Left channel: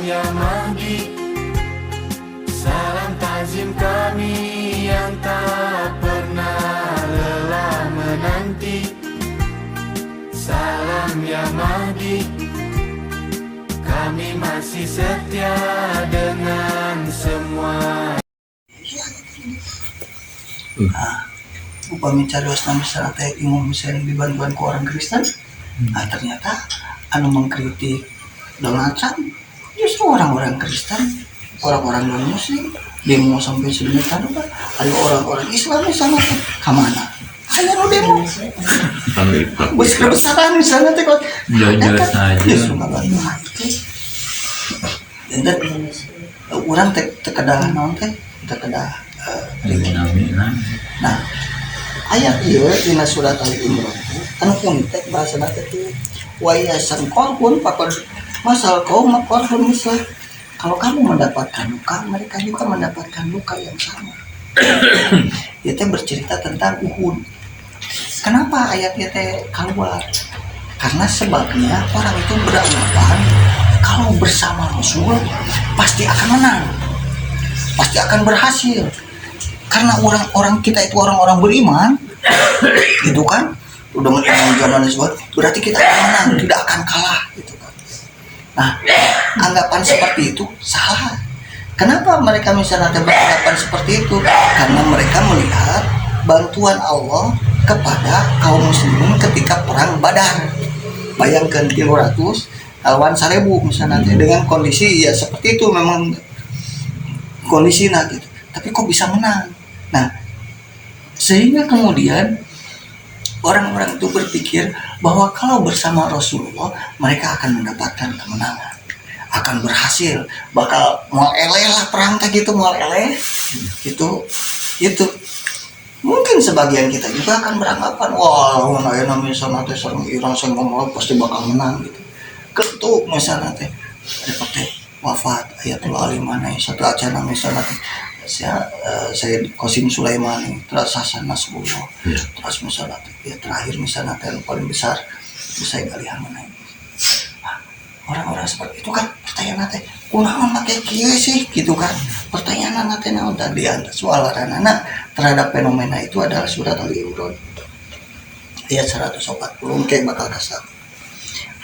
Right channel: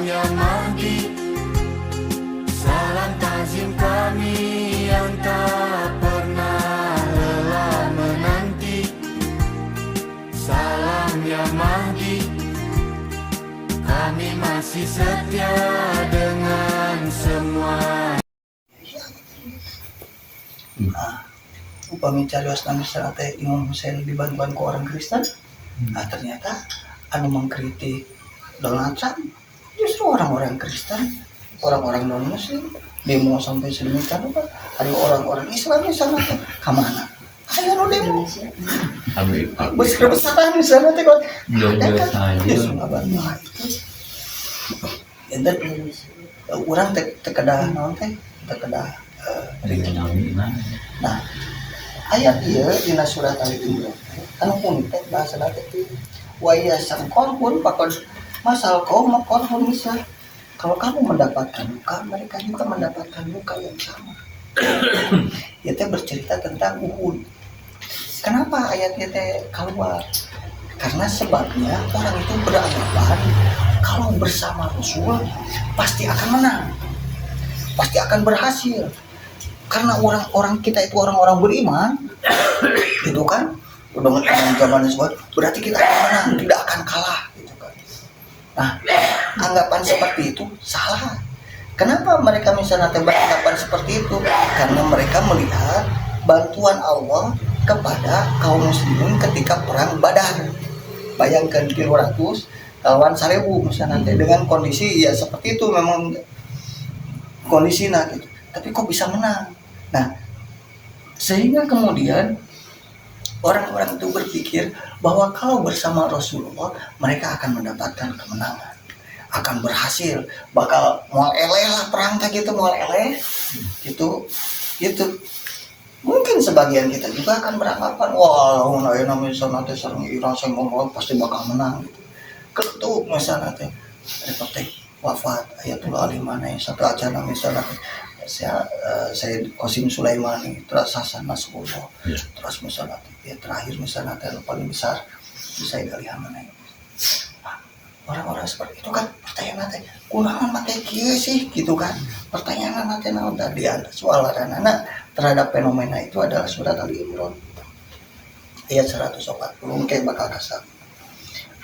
ya Mahdi, salam takzim kami yang tak pernah lelah menanti. Salam ya Mahdi, kami masih setia dengan semua. Upami carios nama teh Imam Husain dibantuan ke orang Kristen, nah ternyata anu mengkritik Donald Trump justru orang-orang Kristen, orang-orang non Muslim, demo sampai sedemikian rupa. Ada orang-orang Islam di sana teh kemana? Ayo demo, besar-besaran di sana teh kok. Jujur saja. Justru ngabantu hati. Dan orang terkedah nanti terkedah. Nah, ayat ieu dina surat Al-Imran anu punten bahasana teh wa yasan korban pakon masal kaum korban mislah. Kalau kamu mendapatkan luka, mereka juga mendapatkan luka yang sama. Ia teh bercerita tentang Uhud. Kenapa ayat ieu teh keluar? Karena sebabnya orang itu beranggapan kalau bersama Rasul pasti akan menang, pasti akan berhasil. Karena orang-orang kita itu orang-orang beriman, gitu kan? Udah mengiman zaman Rasul, berarti kita akan menang, tidak akan kalah, gitu kan? Nah, anggapan seperti itu salah. Kenapa mereka misalnya beranggapan seperti itu? Karena mereka melihat bantuan Allah kepada kaum muslimin ketika perang Badar. Bayangkan 300 lawan 1000 misalnya dengan kondisi ya seperti itu, memang kondisinya gitu. Tapi kok bisa menang? Nah, sehingga kemudian orang-orang itu berpikir bahwa kalau bersama Rasulullah mereka akan mendapatkan kemenangan, akan berhasil, bakal moal eleh lah perang kayak gitu, moal eleh gitu. Mungkin sebagian kita juga akan beranggapan, wah, ayeuna misalnya teh sareng Iran saya ngomong pasti bakal menang gitu. Ketuk misalnya teh teh wafat Ayatullah Ali Manai satu acara misalnya teh saya Qasim Sulaiman, terus Hasan Nasrullah, terus misalnya ya terakhir misalnya yang paling besar bisa galihan mana orang-orang seperti itu kan pertanyaan nanti kurang pakai kieu sih gitu kan, pertanyaan nanti naon tadi ada soal anak terhadap fenomena itu adalah surat Al-Imran ayat 140 kayak bakal kasar.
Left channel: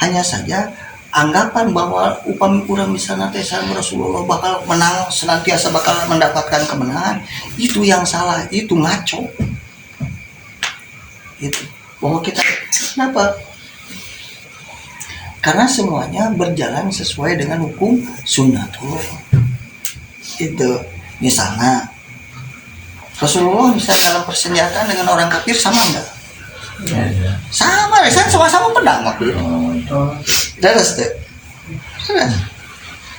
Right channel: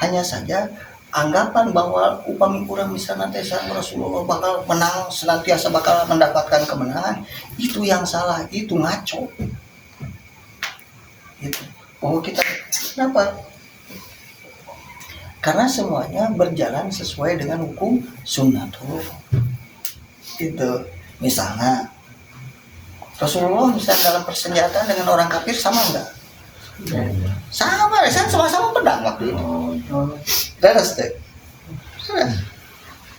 Hanya saja anggapan bahwa upami kurang bisa nanti Rasulullah bakal menang, senantiasa bakal mendapatkan kemenangan, itu yang salah, itu ngaco. Itu bahwa kita kenapa? Karena semuanya berjalan sesuai dengan hukum sunnatul. Itu misalnya Rasulullah bisa dalam persenjataan dengan orang kafir sama enggak? Ya. Sama, kan sama-sama pedang waktu itu. Jelas deh.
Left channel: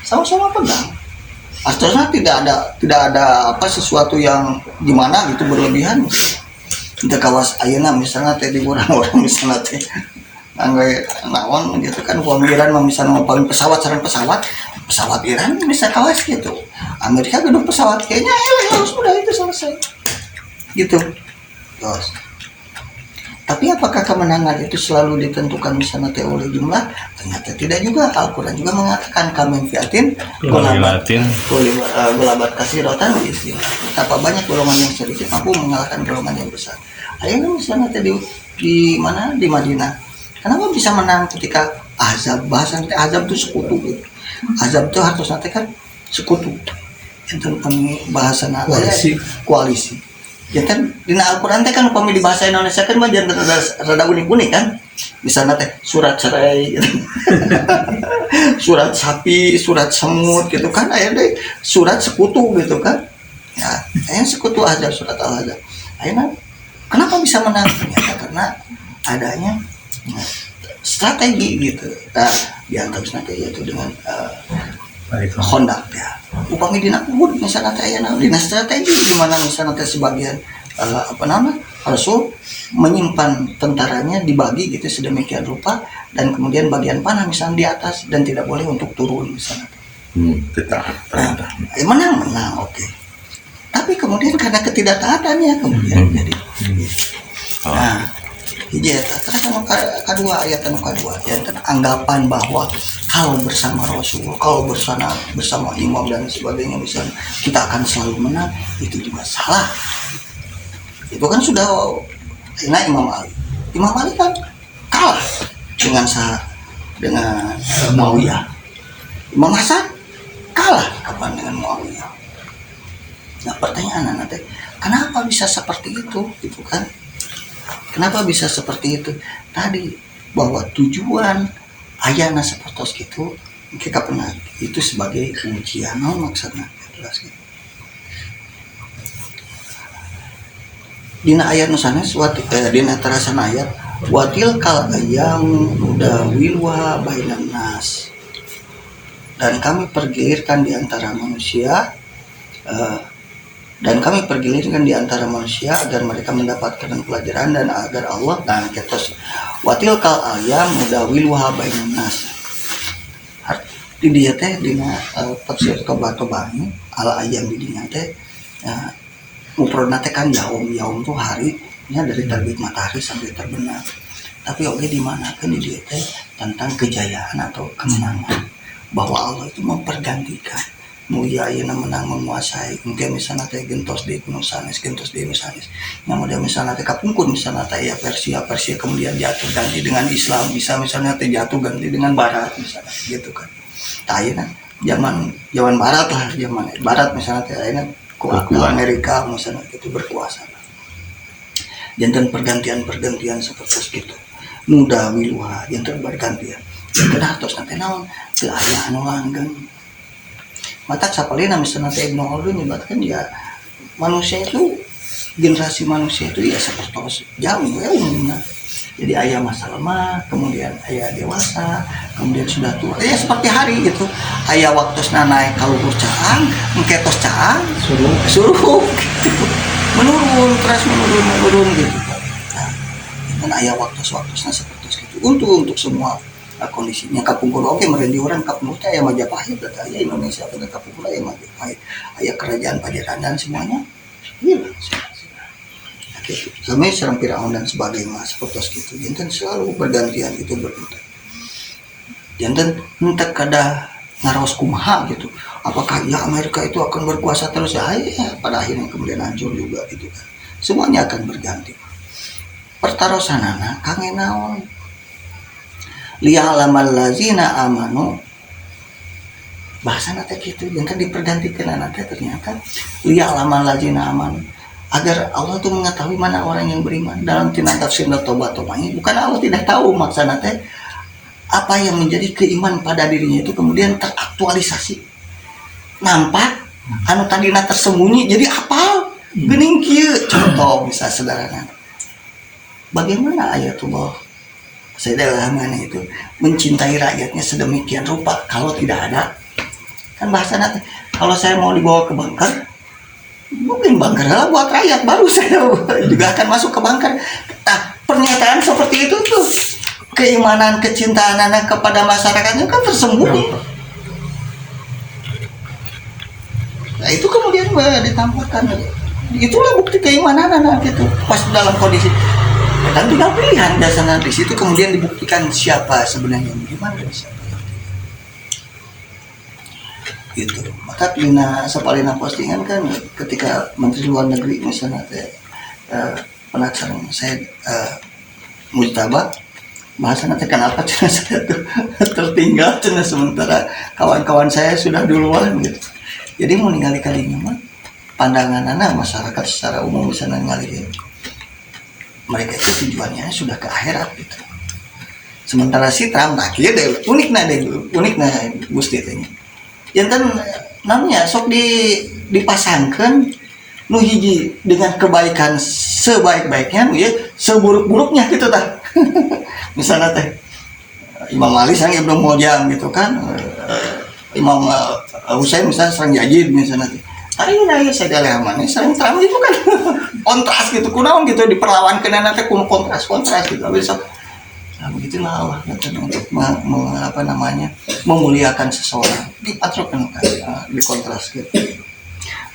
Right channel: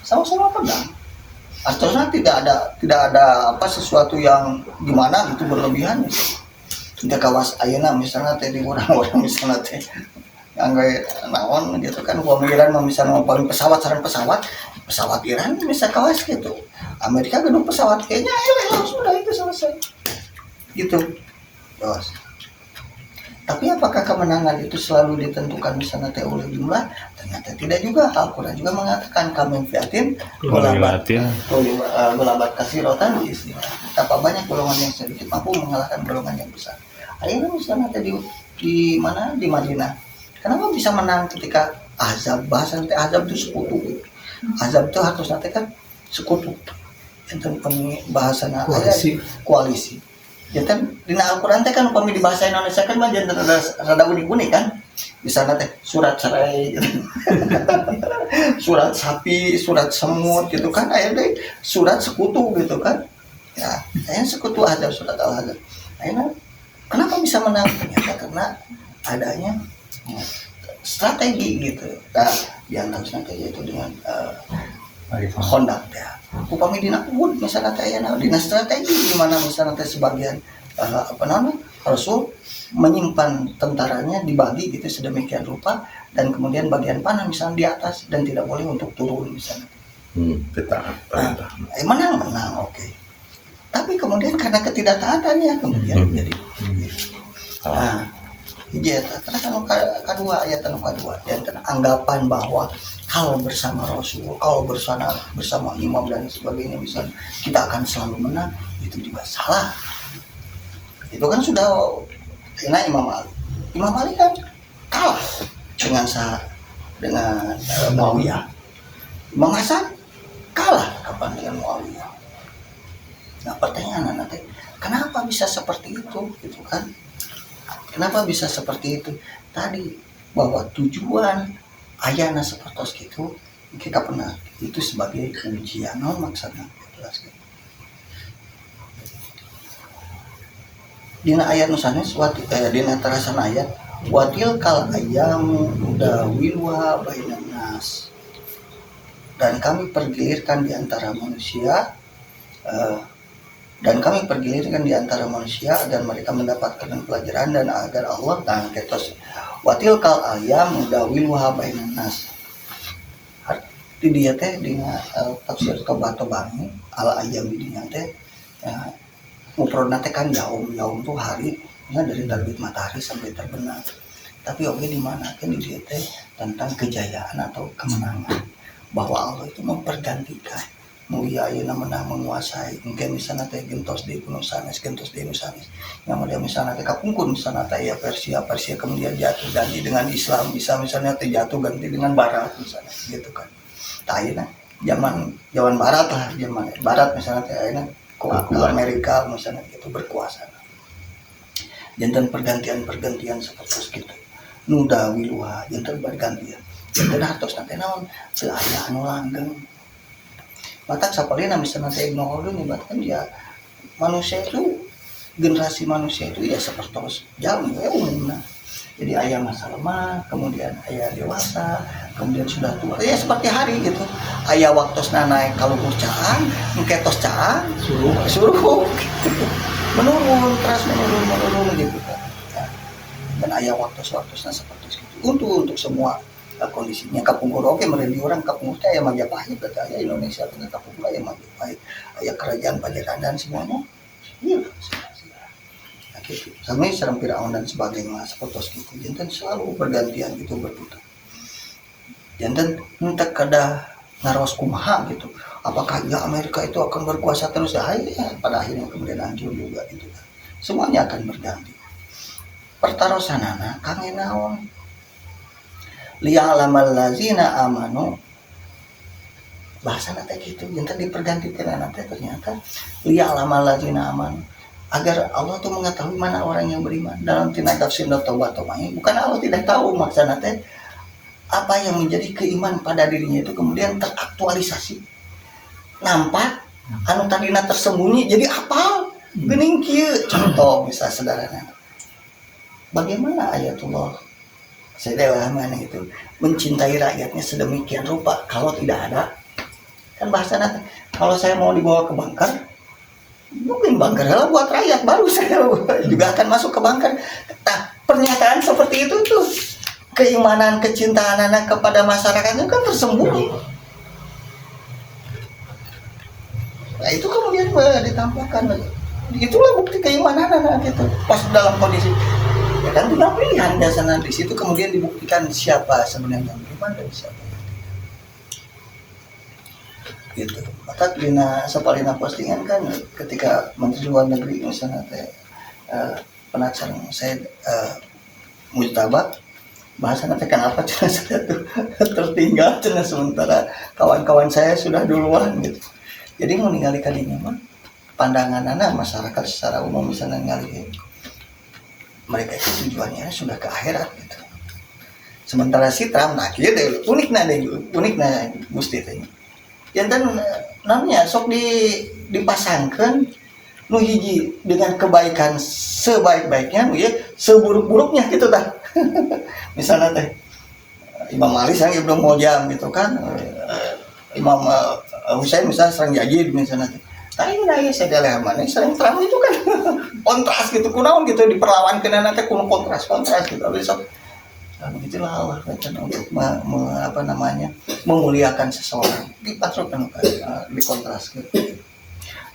Sama-sama pedang. Artinya tidak ada apa sesuatu yang gimana gitu berlebihan. Untuk kawas ayeuna misalnya teh di orang-orang misalnya teh anggai naon gitu kan, pemikiran misalnya ngomongin pesawat Iran bisa kawas gitu. Amerika gedung pesawat kayaknya sudah itu selesai. Gitu. Terus tapi apakah kemenangan itu selalu ditentukan misalnya oleh jumlah? Ternyata tidak juga. Al-Quran juga mengatakan kamen fiatin golabat kasih rotan diisi. Betapa banyak golongan yang sedikit mampu mengalahkan golongan yang besar. Akhirnya misalnya di mana di Madinah, kenapa bisa menang ketika Ahzab? Bahasa nanti Ahzab itu sekutu. Ahzab itu harus nanti kan sekutu. Itu bahasa koalisi. Ya kan di Al-Quran teh kan upami di bahasa Indonesia kan mah rada unik-unik kan. Bisa teh surat cerai gitu. Surat sapi, surat semut gitu kan, akhirnya surat sekutu gitu kan. Ya, akhirnya sekutu aja surat Al-Ahzab. Akhirnya kenapa bisa menang? Ternyata karena adanya strategi gitu. Nah, di antara strategi itu dengan kondak ya. Upami dina Uhud misalnya teh aya dina strategi di mana misalnya teh sebagian Rasul menyimpan tentaranya dibagi gitu sedemikian rupa dan kemudian bagian panah misalnya di atas dan tidak boleh untuk turun misalnya. Menang oke. Tapi kemudian karena ketidaktaatannya kemudian jadi. Nah, hiji eta terus kedua ayat kedua yang anggapan bahwa kalau bersama Rasul, kalau bersama imam dan sebagainya misalnya kita akan selalu menang, itu juga salah. Itu kan sudah enak Imam Ali kan kalah dengan Muawiyah. Imam Hasan kalah kapan dengan Muawiyah. Nah pertanyaan nanti, kenapa bisa seperti itu gitu kan? Kenapa bisa seperti itu? Tadi bahwa tujuan ayana sepertos gitu kita pernah itu sebagai ujian maksudnya jelas gitu. Dina ayat nusana dina terasan ayat watil kal ayam udah wilwa bainan nas, dan kami pergilirkan di antara manusia agar mereka mendapatkan pelajaran dan agar Allah dan ketos watil kal ayam udah wilwa bainan nas. Di dia teh dina tafsir tobat-tobani ala ayam di dinya teh mufradna teh kan yaum tuh hari nya dari terbit matahari sampai terbenam. Tapi oke di mana kan di dia teh tentang kejayaan atau kemenangan, bahwa Allah itu mempergantikan mulia ayeuna menang menguasai mungkin misalnya teh gentos di gunung sanes yang model misalnya teh kapungkur misalnya teh ya Persia kemudian jatuh ganti dengan Islam, bisa misalnya teh jatuh ganti dengan Barat misalnya gitu kan. Tah ayeuna zaman Barat lah, zaman Barat misalnya teh ayeuna Amerika misalnya itu berkuasa. Jantan pergantian seperti itu. Muda wilwa jantan bergantian. Kenapa terus nanti naon teu aya anu langgeng. Mata sapalina misalnya teh Ibnu Khaldun nyebatkan ya manusia itu generasi manusia itu ya seperti jauh ya umumnya. Jadi ayah masa lemah, kemudian ayah dewasa, kemudian sudah tua. Ya seperti hari gitu. Ayah waktu naik kalau caang, mengketos caang, suruh gitu. menurun gitu. Nah, dan ayah waktu seperti itu. Untuk semua kondisinya kapungkur oke merendi orang kapungkur ayah Majapahit, ayah Indonesia atau kapungkur ayah Majapahit, ayah kerajaan Pajajaran dan semuanya. Iya. Kami serang Firaun dan sebagainya seperti itu. Jantan selalu bergantian itu berbentuk. Jantan hendak kada ngaros kumaha gitu. Apakah ya Amerika itu akan berkuasa terus? Ya pada akhirnya kemudian hancur juga gitu kan. Semuanya akan berganti. Pertarosanana kangen naon. Liya'lamal ladzina amanu. Bahasa nate gitu. Jantan dipergantikan nanti ternyata liya'lamal ladzina amanu. Agar Allah itu mengetahui mana orang yang beriman. Dalam tina tafsir tobat-tobat ini bukan Allah tidak tahu maksudnya teh apa yang menjadi keiman pada dirinya itu kemudian teraktualisasi, nampak anu tadina tersembunyi jadi apal geuning kieu. Contoh bisa sederhana, bagaimana ayatullah Sayyidatul Hamani itu mencintai rakyatnya sedemikian rupa kalau tidak ada kan bahasa nanti kalau saya mau dibawa ke bunker mungkin bunker adalah buat rakyat, baru saya juga akan masuk ke bunker. Nah, pernyataan seperti itu tuh keimanan, kecintaan anak kepada masyarakatnya kan tersembunyi. Nah, itu kemudian ditampilkan. Itulah bukti keimanan anak gitu. Pas dalam kondisi kan tinggal pilihan dasarnya di situ kemudian dibuktikan siapa sebenarnya yang beriman dan siapa gitu. Maka dina sapalina postingan kan ketika Menteri Luar Negeri misalnya penasaran saya mujtaba bahasa nanti kenapa cina saya tertinggal cina sementara kawan-kawan saya sudah duluan gitu. Jadi mau ningali kadinya mah pandangan anak masyarakat secara umum misalnya ningali mereka itu tujuannya sudah ke akhirat gitu. Sementara si Trump akhir deh unik nah Gusti tanya. Jantan namanya sok dipasangkan nu hiji dengan kebaikan sebaik-baiknya ya seburuk-buruknya gitu tah. Misalnya teh Imam Ali sareng Ibnu Muljam gitu kan, Imam Husain misalnya sareng Yazid misalnya teh. Ayeuna aya Sayyidatul Hamani sareng Trump itu kan kontras gitu kunaon gitu diperlawankeunana teh kuno kontras gitu. Habis nah, begitulah Allah untuk memuliakan seseorang dipatrokan di kontras gitu.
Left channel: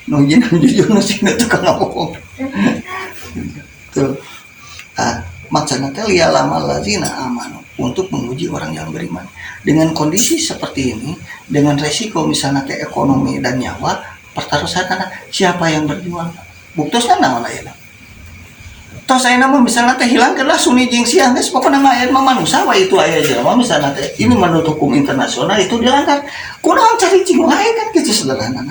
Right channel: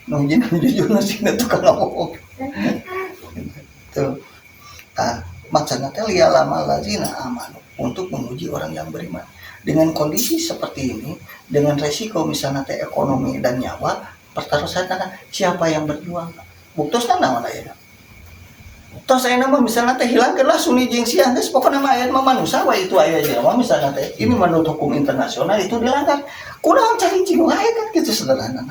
Nujin jujur nusina tuh kan ngomong. Tuh. Maksudnya teh liya'lamal ladzina amanu. untuk menguji orang yang beriman. Dengan kondisi seperti ini, dengan resiko misalnya teh ekonomi dan nyawa, pertaruhan siapa yang berjuang? Buktosna naon ayeuna? Tos ayeuna mah misalnya teh hilangkeunlah Sunni jeung Syiah geus pokona mah aya mah manusia we itu aya jelema misalnya teh ini menurut hukum internasional itu dilanggar. Kunaon cari-cing lain kan kitu sederhana.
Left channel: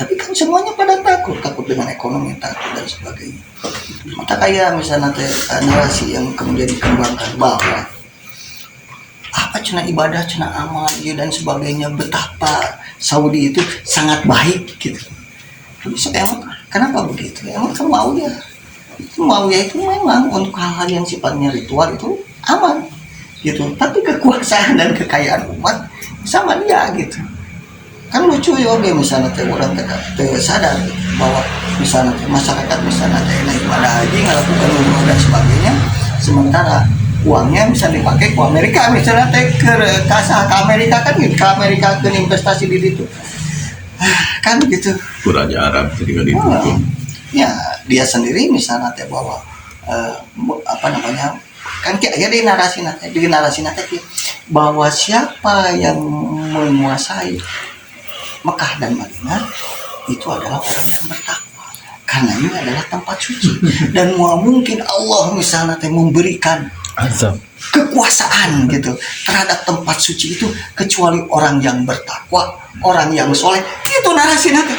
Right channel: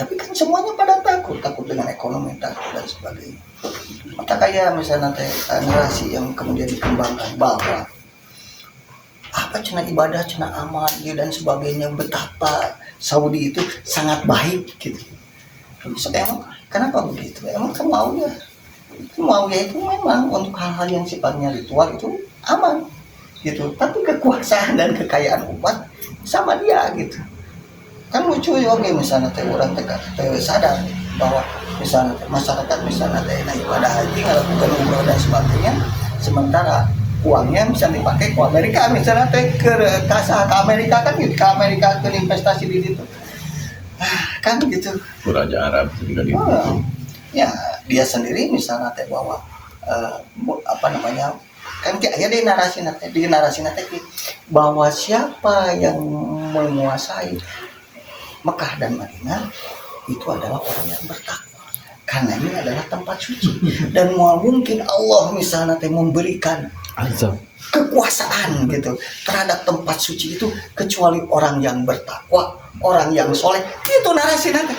Tapi kan semuanya pada takut dengan ekonomi, takut dan sebagainya. Maka kayak misalnya teh narasi yang kemudian dikembangkan bahwa apa cina ibadah, cina amal dan sebagainya, betapa Saudi itu sangat baik gitu. Terus emang kenapa begitu? Emang Muawiyah itu memang untuk hal-hal yang sifatnya ritual itu aman gitu. Tapi kekuasaan dan kekayaan umat sama dia gitu. Kan lucu ya oke misalnya teh orang teh sadar gitu, bahwa misalnya masyarakat misalnya teh ibadah haji ngelakukan umroh dan sebagainya, sementara uangnya bisa dipakai ke Amerika misalnya teh ke Amerika kan gitu, ke Amerika ke investasi di situ kan gitu. Raja Arab ketika itu ya dia sendiri misalnya teh bahwa apa namanya kan kayak di narasi nanti bahwa siapa yang menguasai Mekah dan Madinah itu adalah orang yang bertakwa, karena ini adalah tempat suci dan mungkin Allah misalnya memberikan kekuasaan gitu terhadap tempat suci itu kecuali orang yang bertakwa, orang yang soleh. Itu narasi nanti.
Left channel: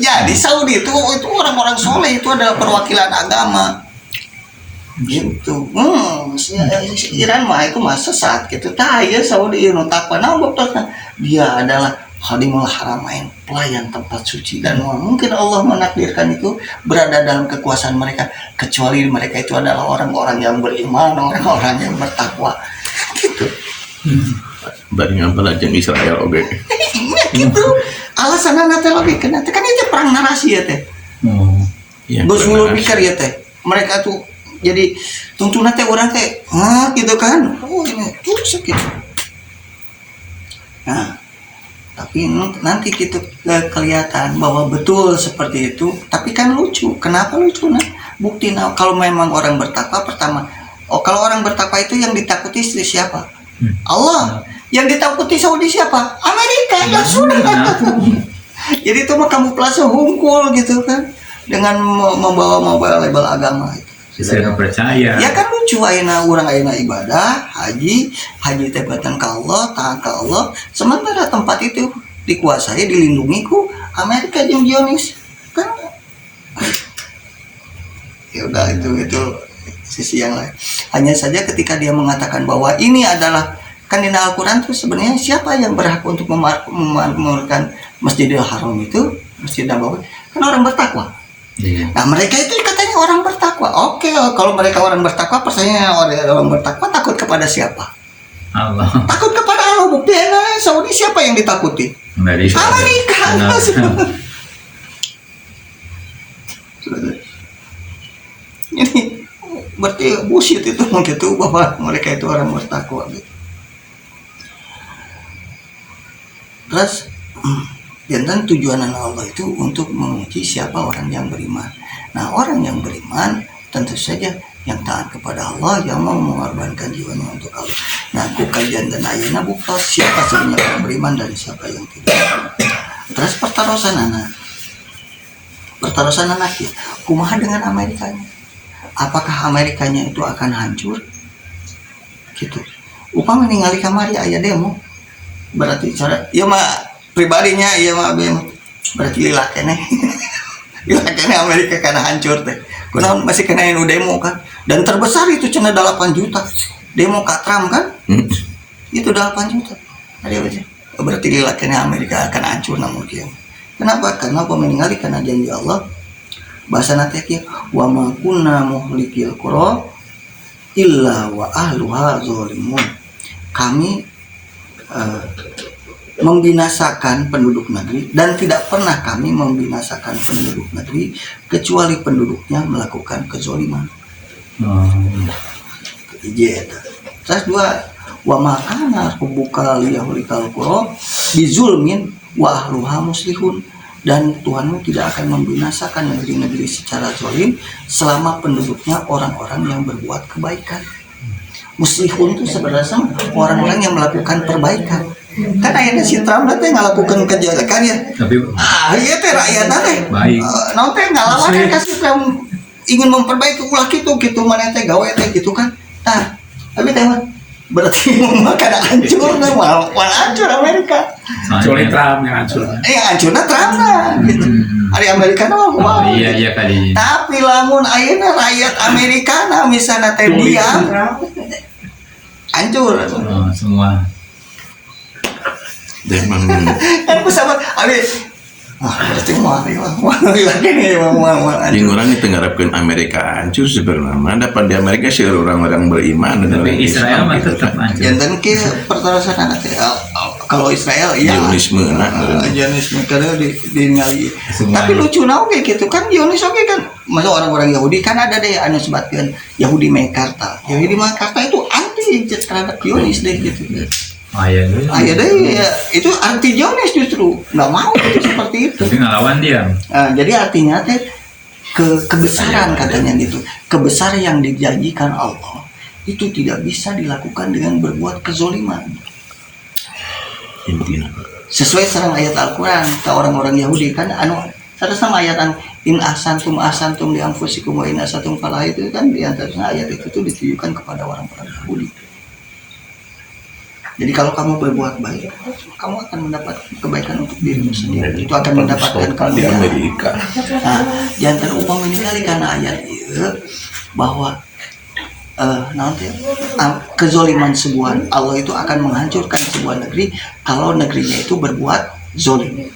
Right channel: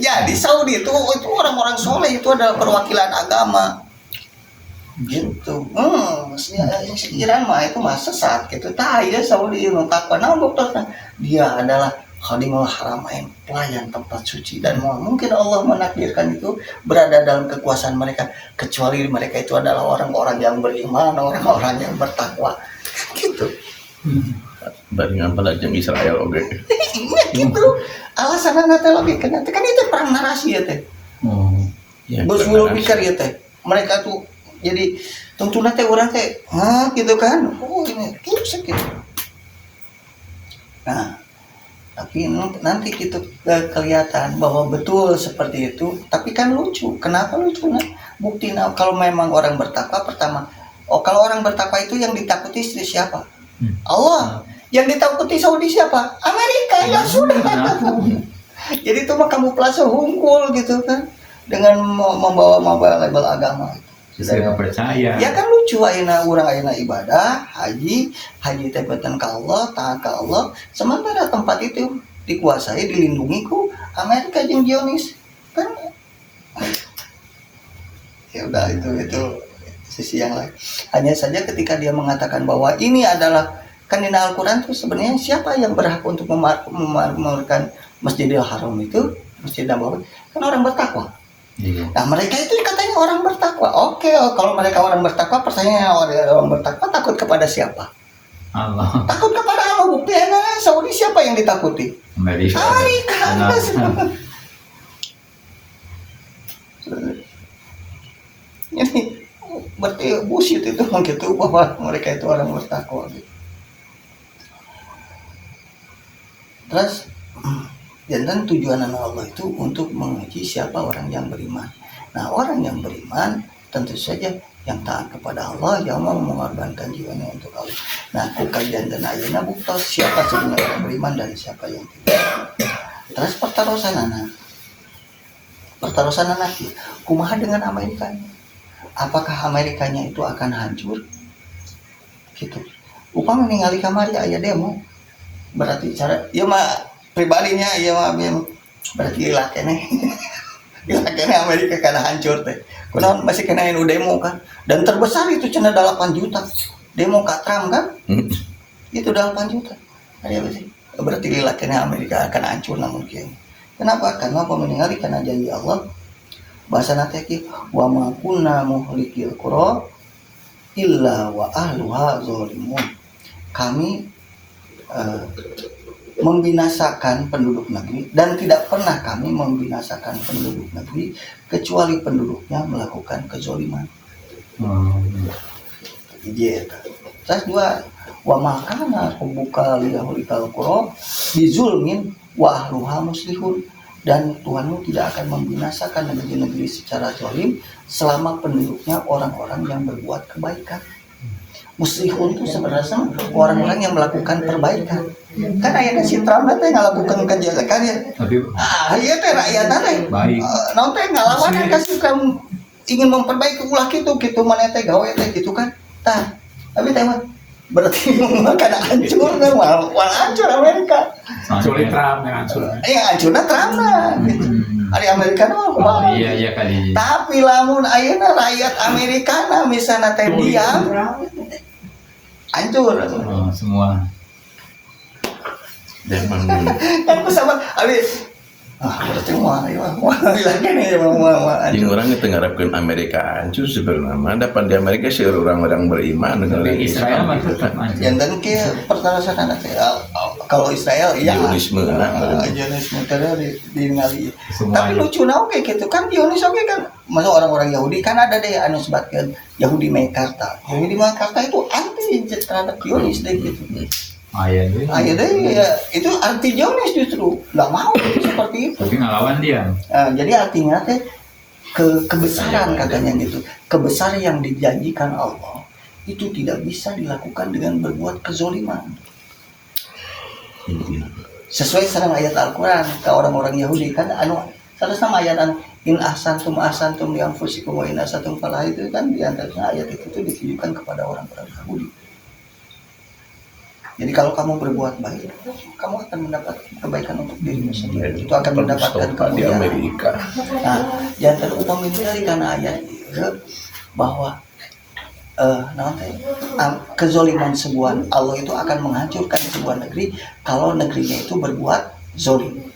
Jadi Saudi itu orang-orang soleh itu adalah perwakilan agama gitu. Iran mah itu mah sesat gitu. Tah ya Saudi nu takwa dia adalah Khadimul Haramain, pelayan tempat suci, dan mungkin Allah menakdirkan itu berada dalam kekuasaan mereka kecuali mereka itu adalah orang-orang yang beriman, orang-orang yang bertakwa gitu. Banding apalagi Israel oke. Gitu. Alasan nanti lagi kan itu perang narasi ya teh. Bos mulu pikir ya teh. Mereka tuh jadi tuntunan teh orang teh, gitu kan. Oh ini tuh sakit. Nah, tapi nanti kita kelihatan bahwa betul seperti itu. Tapi kan lucu. Kenapa lucu? Nah, bukti kalau memang orang bertakwa pertama. Kalau orang bertakwa itu yang ditakuti siapa? Allah. Yang ditakuti Saudi siapa? Amerika. Ya sudah. Jadi itu mah kamu plaza hungkul gitu kan dengan membawa label agama itu. Saya nggak percaya. Ya kan lucu ayeuna urang ayeuna ibadah, haji teh batan ka Allah, taat ka Allah, sementara tempat itu dikuasai dilindungi ku Amerika jeung Zionis. Kan ya udah itu sisi yang lain. Hanya saja ketika dia mengatakan bahwa ini adalah kan di Al-Qur'an itu sebenarnya siapa yang berhak untuk memakmurkan Masjidil Haram itu, Masjid Nabawi? Kan orang bertakwa. Iya. Nah mereka itu katanya orang bertakwa. Oke, kalau mereka orang bertakwa, pertanyaannya orang bertakwa takut kepada siapa? Allah. Takut kepada Allah. Buktinya Saudi siapa yang ditakuti? Amerika. Ini berarti bullshit itu begitu bahwa mereka itu orang bertakwa gitu. Terus dan tujuan Allah itu untuk menguji siapa orang yang beriman. Nah orang yang beriman tentu saja yang taat kepada Allah, yang mau mengorbankan jiwanya untuk Allah. Nah kajian dan ayana buktos siapa sebenarnya orang beriman dan siapa yang tidak. Terus pertarusan anak ya, kumaha dengan Amerikanya? Apakah Amerikanya itu akan hancur? Gitu. Upama ningali kamari aya demo, berarti cara ya mah pribadinya iya mah berarti lilat kene Amerika karena hancur teh. Kunaon masih kena yang demo kan, dan terbesar itu cina 8 juta demo ka Trump kan. Itu 8 juta ada apa sih? Berarti lilat kene Amerika akan hancur namun kieu. Kenapa? Karena pemeninggali karena janji Allah. Bahasa nate kieu wa ma kunna muhlikil qura illa wa ahluha zalimun. Kami membinasakan penduduk negeri dan tidak pernah kami membinasakan penduduk negeri kecuali penduduknya melakukan kezoliman. Terus dua wa makana buka liyahulikal qura bizulmin wa ahluha muslihun, dan Tuhanmu tidak akan membinasakan negeri-negeri secara zalim selama penduduknya orang-orang yang berbuat kebaikan. Muslihun itu sebenarnya orang-orang yang melakukan perbaikan. Kan ayatnya si Trump nanti ngelakukan kejelekan ya. Tapi Iya teh rakyat teh. baik. Nanti ngalawan kasih Trump ingin memperbaiki ulah gitu mana teh gawe teh gitu kan. Tah, tapi teh berarti memakan hancur kan malah hancur Amerika. Kecuali Trump yang hancur. Hancurna Trump lah gitu. Hari Amerika Oh iya kali. Tapi lamun ayeuna rakyat Amerika misalnya teh diam hancur. Oh, semua. Dan memang Kan pesawat berarti mari lagi nih yang orang itu ngarepkeun Amerika hancur sebenarnya dapat di Amerika sih orang-orang beriman Tapi Israel mah tetap hancur. jantan ke pertarasan nanti kalau Israel iya Zionisme Zionisme karena di ngali Semua tapi itu. lucu oke gitu kan Zionis oke kan masa orang-orang Yahudi kan ada deh anu sebatkeun Yahudi Mekarta itu anti terhadap Zionis deh gitu Iya dulu. ya deh ya, itu anti Zionis justru nggak mau itu seperti itu. Tapi ngelawan dia. Jadi artinya teh kebesaran katanya gitu, kebesaran yang dijanjikan Allah itu tidak bisa dilakukan dengan berbuat kezoliman. intinya. Sesuai sareng ayat Al-Quran ke orang-orang Yahudi kan sareng sama ayat in ahsantum di anfusikum wa in asatum falah itu kan di antaranya ayat itu tuh ditujukan kepada orang-orang Yahudi. Jadi kalau kamu berbuat baik, kamu akan mendapat kebaikan untuk dirimu sendiri. Itu akan mendapatkan di kemuliaan. Amerika. Nah, jantan upang ini kali karena ayat itu bahwa nanti kezoliman sebuah Allah itu akan menghancurkan sebuah negeri kalau negerinya itu berbuat zolim.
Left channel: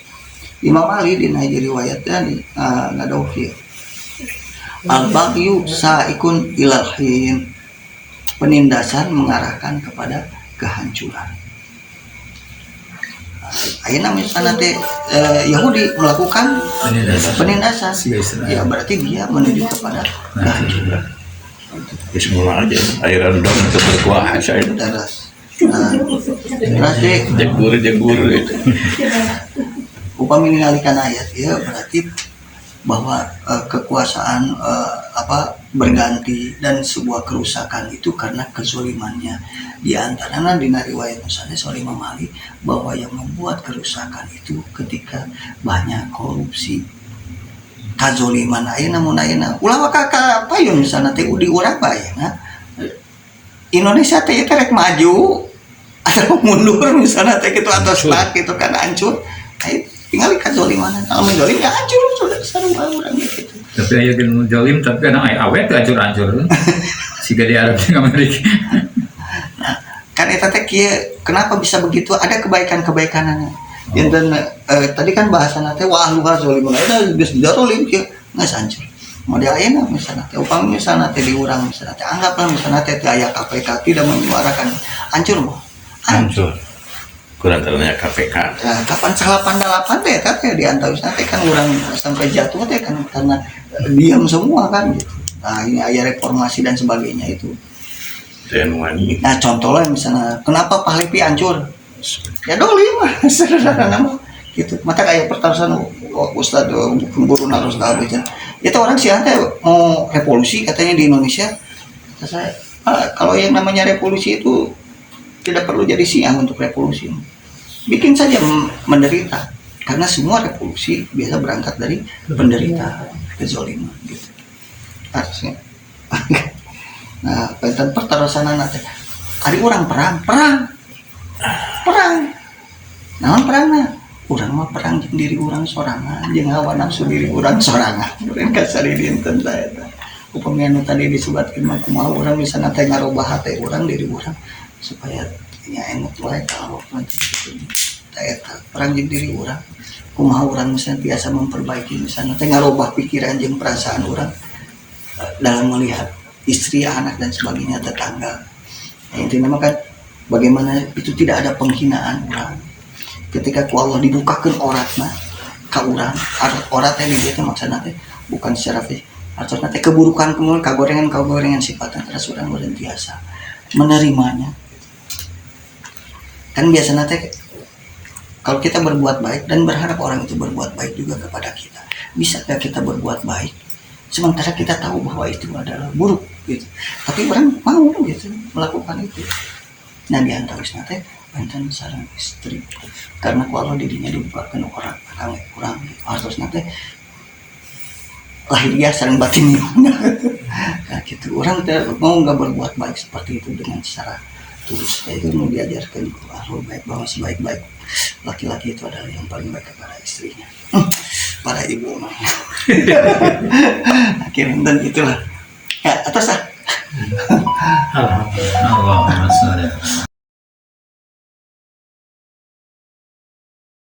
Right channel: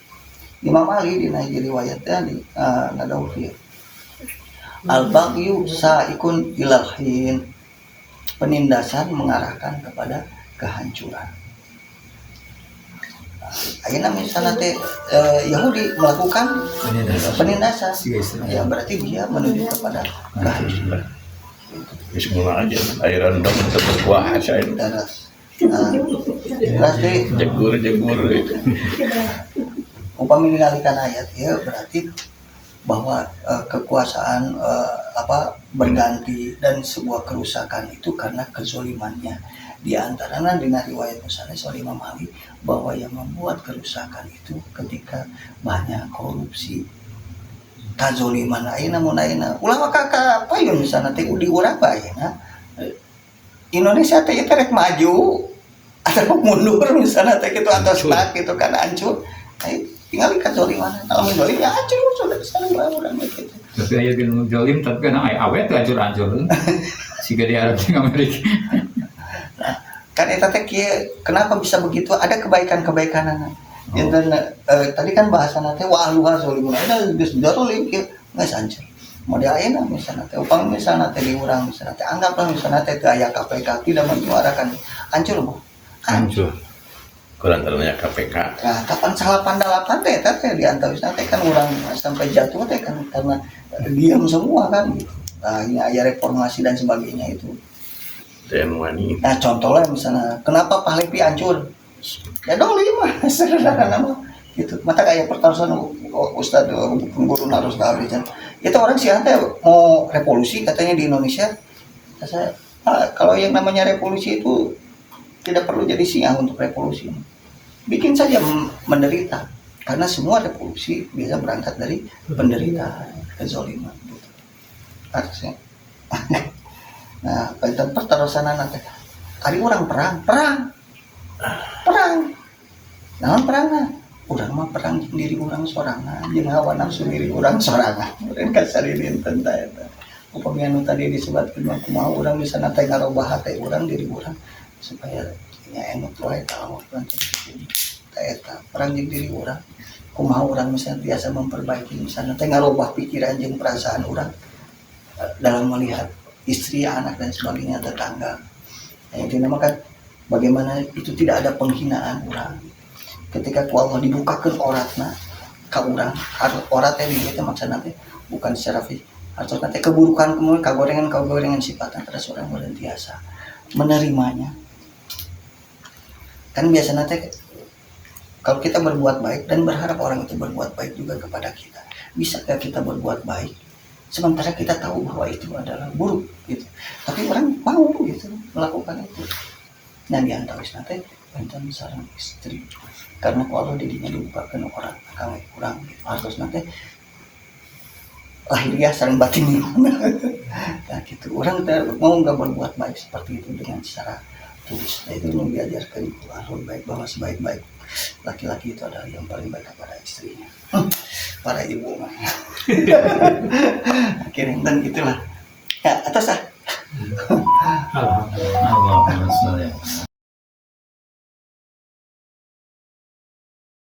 Imam Ali di riwayatnya di Nadawi al-baghyu sa'ikun ilal hin, penindasan mengarahkan kepada kehancuran. Ayeuna misalnya teh Yahudi melakukan penindasan, ya berarti dia menuju kepada kehancuran. Ya semua aja airan dong untuk berkuasa itu. Daras. Berarti Jagur itu. upami mengalihkan ayat ya berarti bahwa kekuasaan berganti dan sebuah kerusakan itu karena kezolimannya. Di antaranya di riwayat misalnya soal Imam Ali bahwa yang membuat kerusakan itu ketika banyak korupsi, kazoliman ayeuna ulah kakak apa ya misalnya teh di urang bae Indonesia teh rek maju atau mundur misalnya teh gitu atau stuck gitu kan hancur. Tinggal kazoliman kalau mendolim ya hancur sudah sareng orang gitu. Tapi aya geus jolim tapi kadang aya awet hancur-hancur. Siga di Arab jeung Amerika. Kan eta teh kieu kenapa bisa begitu ada kebaikan-kebaikanannya. Dan tadi kan bahasana teh wa ahluha zalimun ada geus dizalim kieu geus hancur. Model ayeuna misalnya teh upami misalnya teh di urang misalnya teh anggaplah misalnya teh aya KPK tidak menyuarakan hancur mah. Hancur. Kurang ternyata KPK. Ya, kapan salah pandalapan teh teh di antawisna teh kan urang sampai jatuh teh kan karena diam semua kan gitu. Nah, ini aya reformasi dan sebagainya itu. TNI. Nah, contohnya misalnya kenapa Pahlipi hancur? Ya dolim mah sederhana mah gitu. Mata kayak pertarusan Ustaz guru harus kehabisan. Itu orang sih teh mau revolusi katanya di Indonesia. Saya kalau yang namanya revolusi itu tidak perlu jadi siang untuk revolusi. Bikin saja menderita. Karena semua revolusi biasa berangkat dari penderitaan, kezaliman gitu. Harusnya. Nah, tentang pertarusan nanti. Ada orang perang. Naon perangna? Urang mah perang jeung diri urang sorangan, jeung hawa nafsu diri urang sorangan. Meureun kasari dinten ta eta. Upami anu tadi disebutkeun mah kumaha urang bisa teh ngarobah hate urang diri urang supaya nya enak wae ka Allah nanti gitu. Eta perang jeung diri urang. Kumaha urang misalnya biasa memperbaiki misalnya teh ngarobah pikiran jeung perasaan urang dalam melihat istri, anak dan sebagainya tetangga. Nah, intinya mah kan bagaimana itu tidak ada penghinaan urang. Ketika ku Allah dibukakan oratna ka urang, orat teh di dieu teh maksudna teh bukan secara fisik, artinya teh keburukan kagorengan sifatna terus urang berentiasa menerimanya. Kan biasanya teh Kalau kita berbuat baik dan berharap orang itu berbuat baik juga kepada kita, bisa nggak kita berbuat baik sementara kita tahu bahwa itu adalah buruk gitu, tapi orang mau gitu melakukan itu. Nah diantaris nanti banten sarang istri, karena kalau dirinya dibukakan orang akan kurang gitu. Harus nanti lahiriah sarang batin nah gitu. Orang mau nggak berbuat baik seperti itu dengan secara tulus, itu mau diajarkan kalau baik bahwa sebaik-baik laki-laki itu adalah yang paling baik kepada istrinya. Para ibu mah akhirnya dan itulah ya atas Alhamdulillah.